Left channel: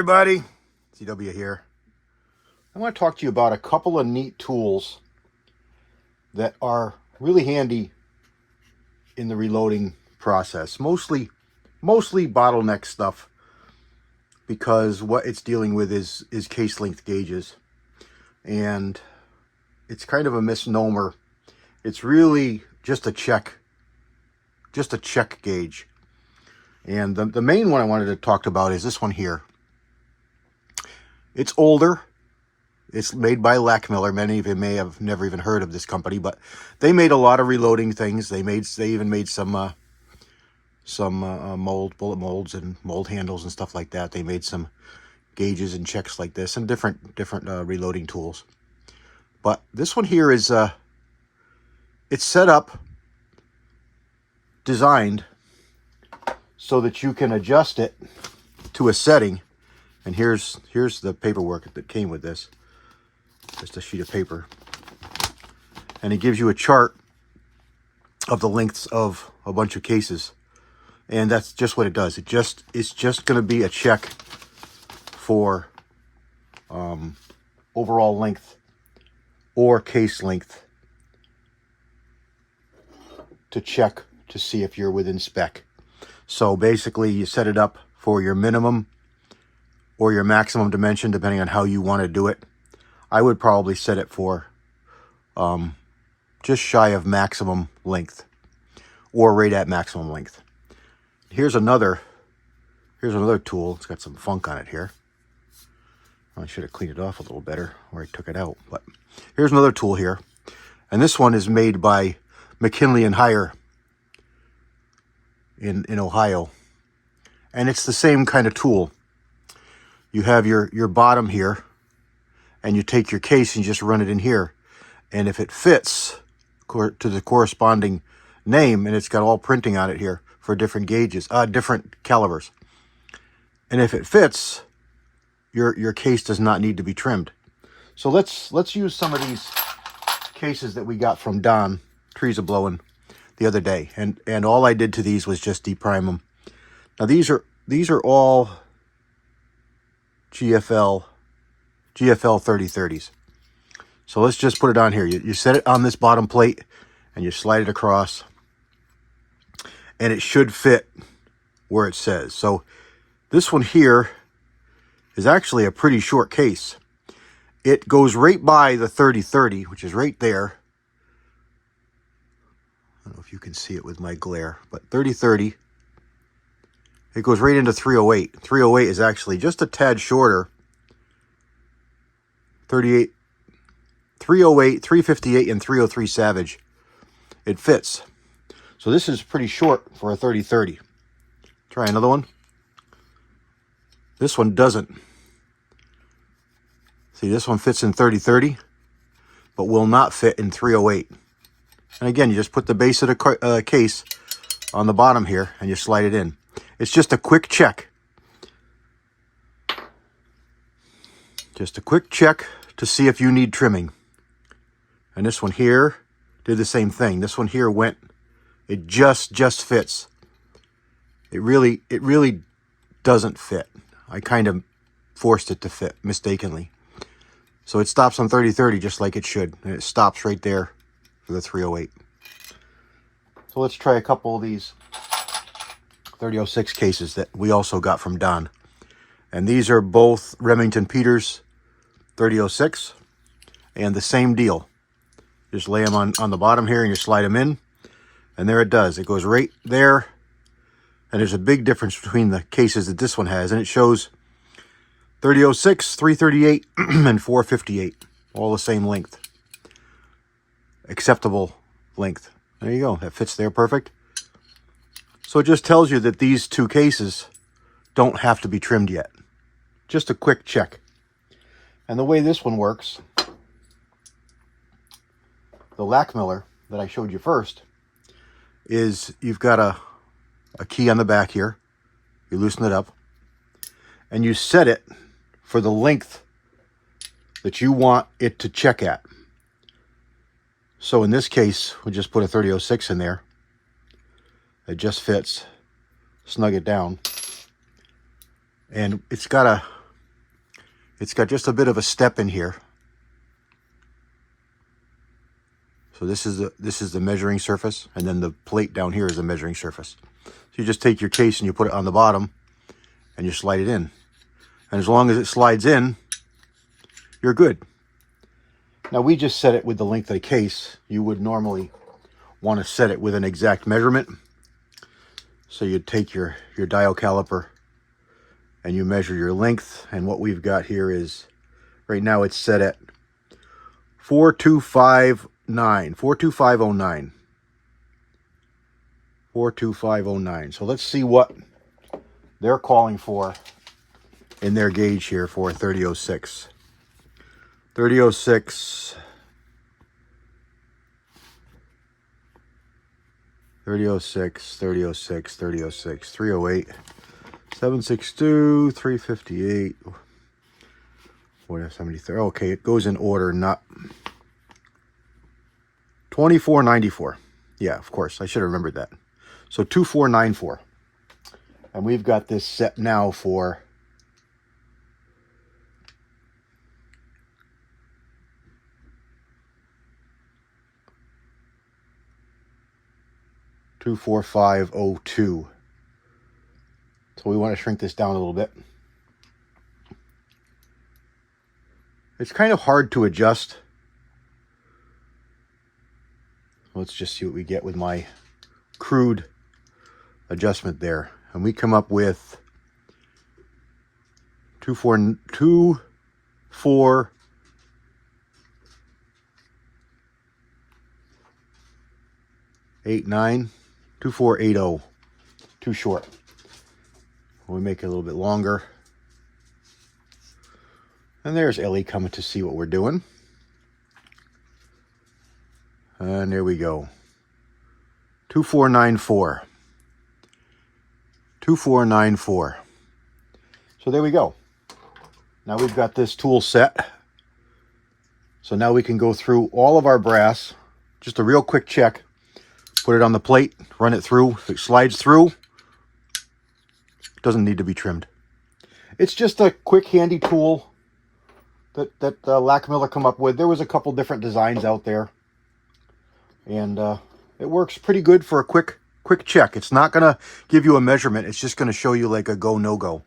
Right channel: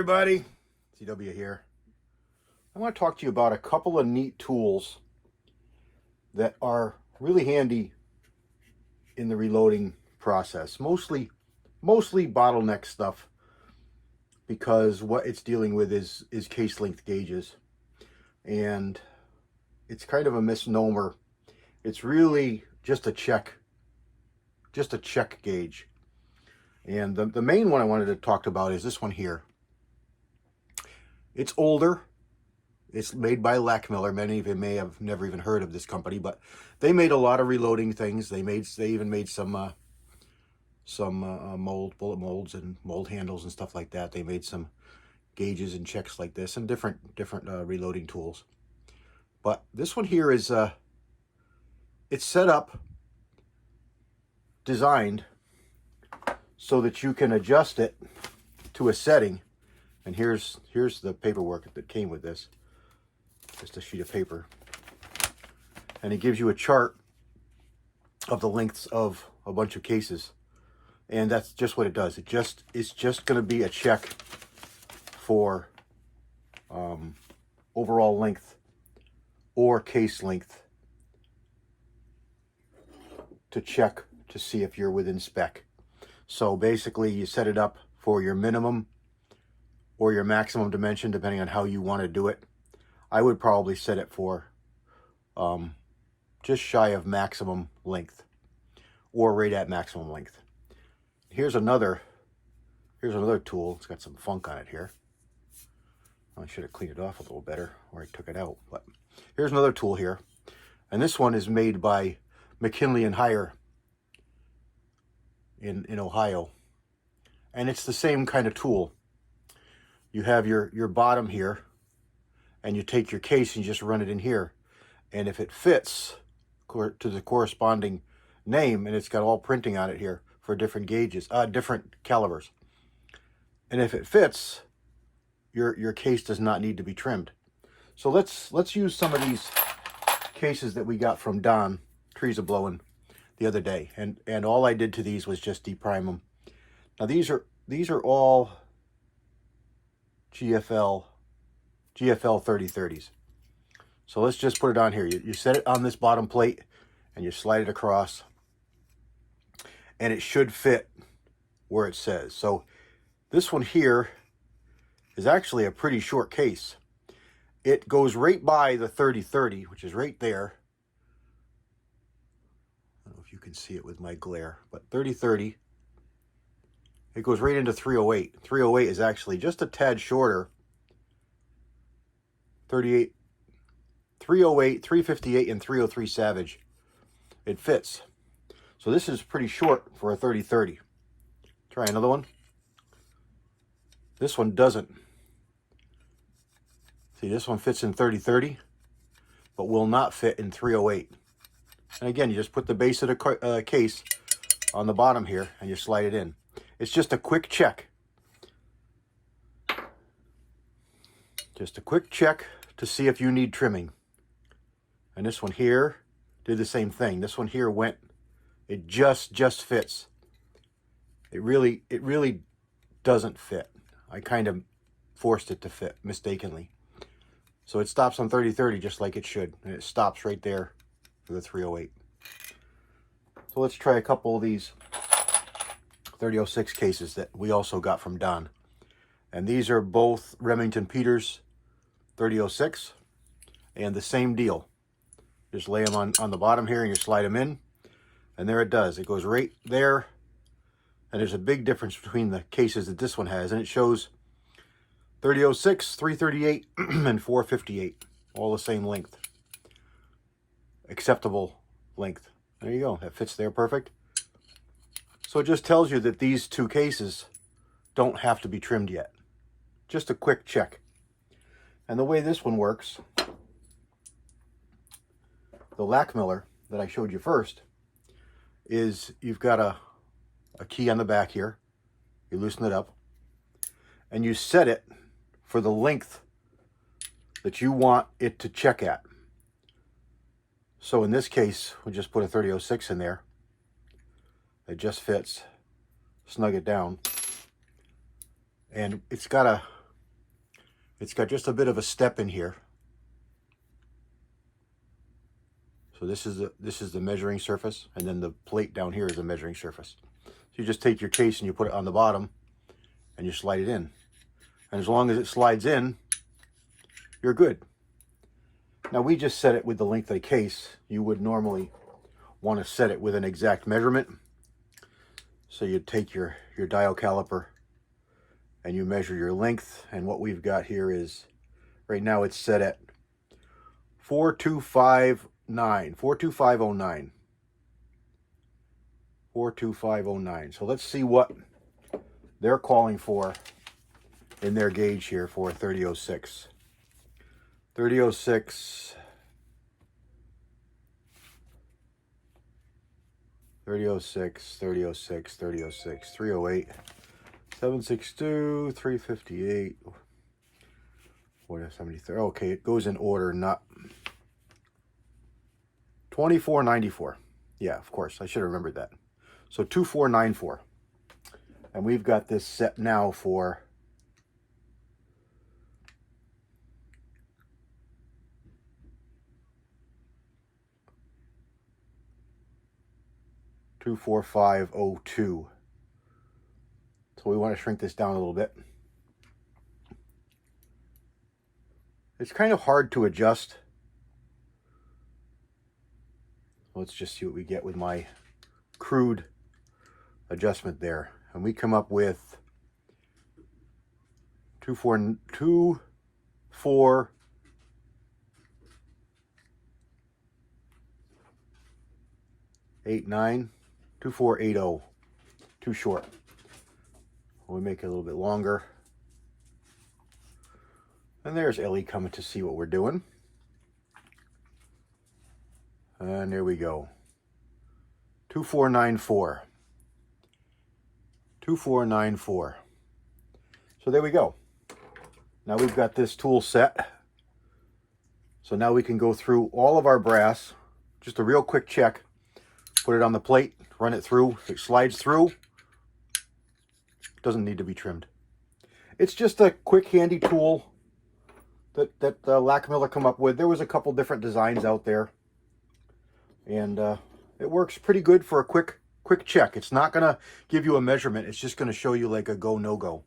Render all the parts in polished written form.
everybody, CW here. I want to talk to you about a couple of neat tools that are really handy in the reloading process. Mostly bottleneck stuff, because what it's dealing with is case length gauges, and it's kind of a misnomer. It's really just a check gauge. And the main one I wanted to talk about is this one here. It's older. It's made by Lackmiller. Many of you may have never even heard of this company, but they made a lot of reloading things. They even made some bullet molds and mold handles and stuff like that. They made some gauges and checks like this and different reloading tools. But this one here is it's set up, designed so that you can adjust it to a setting. And here's the paperwork that came with this. Just a sheet of paper. And it gives you a chart of the lengths of a bunch of cases. And that's just what it does. It's just going to be a check for overall length or case length, to check to see if you're within spec. So basically you set it up for your minimum or your maximum dimension, depending on how you want to do it. I would probably set it for just shy of maximum length, or right at maximum length. Here's another tool. It's got some funk on it here. I should have cleaned it off a little better where I took it out. But here's another tool here. And this one is made by McKinley and Hire in Ohio. And it's the same kind of tool. You have your bottom here, and you take your case and you just run it in here. And if it fits to the corresponding name, and it's got all printing on it here for different gauges, different calibers. And if it fits, your case does not need to be trimmed. So let's use some of these cases that we got from Don Trees A Blowin' the other day. And all I did to these was just deprime them. Now these are all GFL 3030s. So let's just put it on here. You set it on this bottom plate and you slide it across, and it should fit where it says. So this one here is actually a pretty short case. It goes right by the 3030, which is right there. I don't know if you can see it with my glare, but 3030, it goes right into 308. 308 is actually just a tad shorter. 308, 358, and 303 Savage. It fits. So this is pretty short for a 3030. Try another one. This one doesn't. See, this one fits in 3030, but will not fit in 308. And again, you just put the base of the case on the bottom here, and you slide it in. It's just a quick check. Just a quick check to see if you need trimming. And this one here did the same thing. This one here went, it just fits. It really doesn't fit. I kind of forced it to fit mistakenly. So it stops on 3030 just like it should. And it stops right there for the 308. So let's try a couple of these 3006 cases that we also got from Don. And these are both Remington Peters 3006. And the same deal. Just lay them on the bottom here and you slide them in. And there it does. It goes right there. And there's a big difference between the cases that this one has. And it shows 3006, 338, and 458. All the same length. Acceptable length. There you go. That fits there perfect. So it just tells you that these two cases don't have to be trimmed yet. Just a quick check. And the way this one works, the Lackmiller that I showed you first, is you've got a key on the back here. You loosen it up and you set it for the length that you want it to check at. So in this case, we'll just put a 3006 in there. It just fits. Snug it down. And it's got It's got just a bit of a step in here. So this is the measuring surface, and then the plate down here is the measuring surface. So you just take your case and you put it on the bottom and you slide it in. And as long as it slides in, you're good. Now we just set it with the length of the case. You would normally want to set it with an exact measurement. So you'd take your dial caliper and you measure your length. And what we've got here is, right now it's set at 42509. 42509. 42509. So let's see what they're calling for in their gauge here for 3006. 3006. 3006, 3006, 3006, 308, 762, 358, 473. Okay, it goes in order, not 2494. Yeah, of course, I should have remembered that. So 2494. And we've got this set now for 24502. So we want to shrink this down a little bit. It's kind of hard to adjust. Let's just see what we get with my crude adjustment there. And we come up with 2489, 2480. Too short. We make it a little bit longer. And there's Ellie coming to see what we're doing. And there we go. 2494. 2494. So there we go. Now we've got this tool set. So now we can go through all of our brass. Just a real quick check. Put it on the plate, run it through. If it slides through, it doesn't need to be trimmed. It's just a quick, handy tool that Lackmiller come up with. There was a couple different designs out there, and it works pretty good for a quick check. It's not going to give you a measurement. It's just going to show you like a go, no go.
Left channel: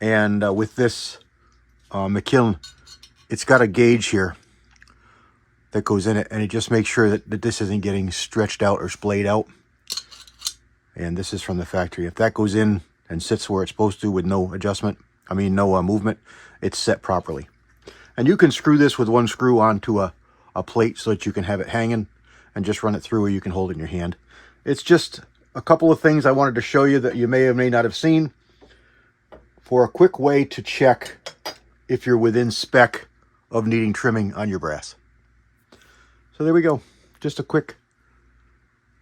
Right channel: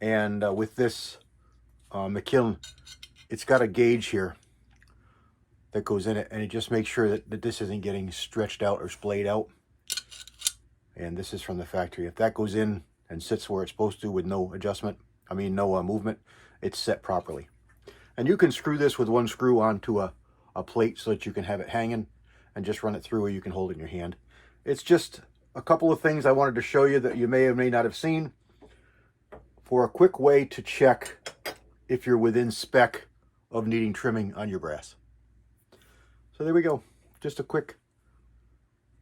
And with this McKillen, it's got a gauge here that goes in it, and it just makes sure that this isn't getting stretched out or splayed out. And this is from the factory. If that goes in and sits where it's supposed to with no adjustment, no movement, it's set properly. And you can screw this with one screw onto a plate so that you can have it hanging and just run it through, or you can hold it in your hand. It's just a couple of things I wanted to show you that you may or may not have seen for a quick way to check if you're within spec of needing trimming on your brass. So there we go. Just a quick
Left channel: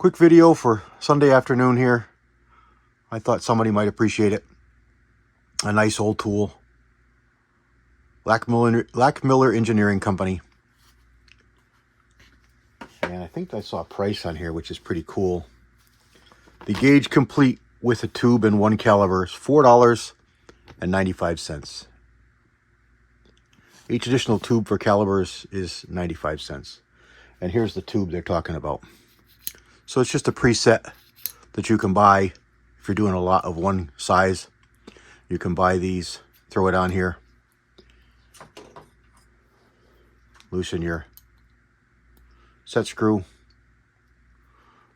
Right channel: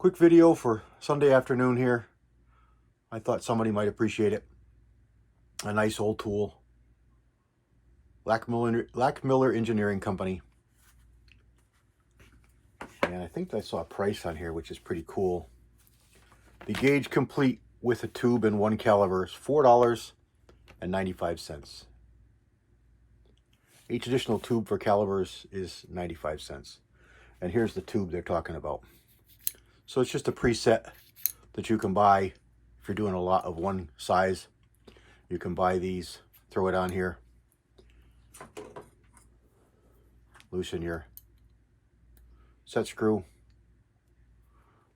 video for Sunday afternoon here. I thought somebody might appreciate it. A nice old tool. Lackmiller Engineering Company. And I think I saw a price on here, which is pretty cool. The gauge complete with a tube and one caliber is $4.95. Each additional tube for calibers is 95 cents. And here's the tube they're talking about. So it's just a preset that you can buy if you're doing a lot of one size. You can buy these, throw it on here, loosen your set screw,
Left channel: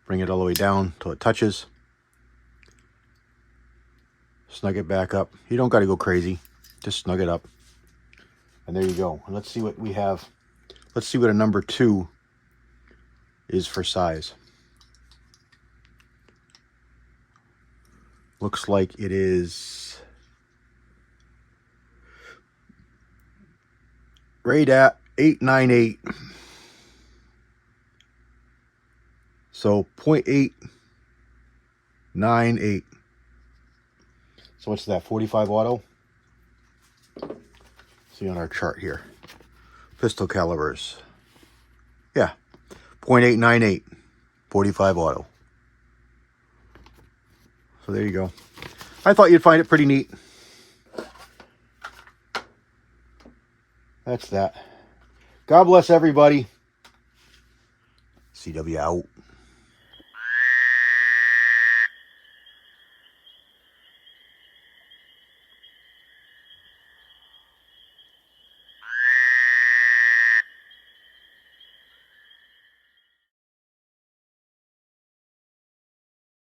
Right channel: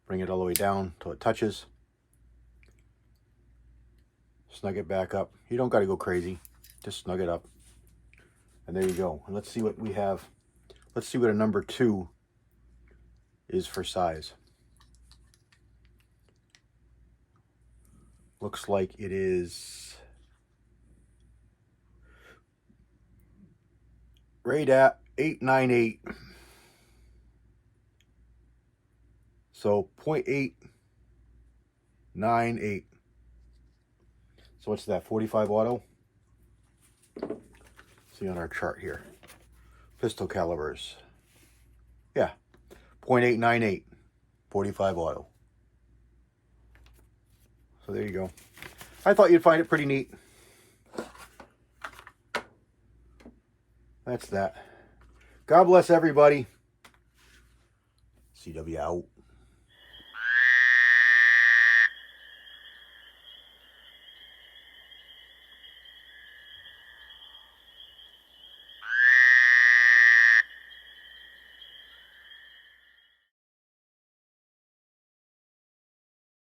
bring it all the way down till it touches, snug it back up. You don't got to go crazy, just snug it up. And there you go. And let's see what we have. Let's see what a number 2 is for size. Looks like it is right at 898. So 0.898. So what's that, 45 auto? See on our chart here. Pistol calibers. Yeah, 0.898, 45 auto. So there you go. I thought you'd find it pretty neat. That's that. God bless everybody. CW out.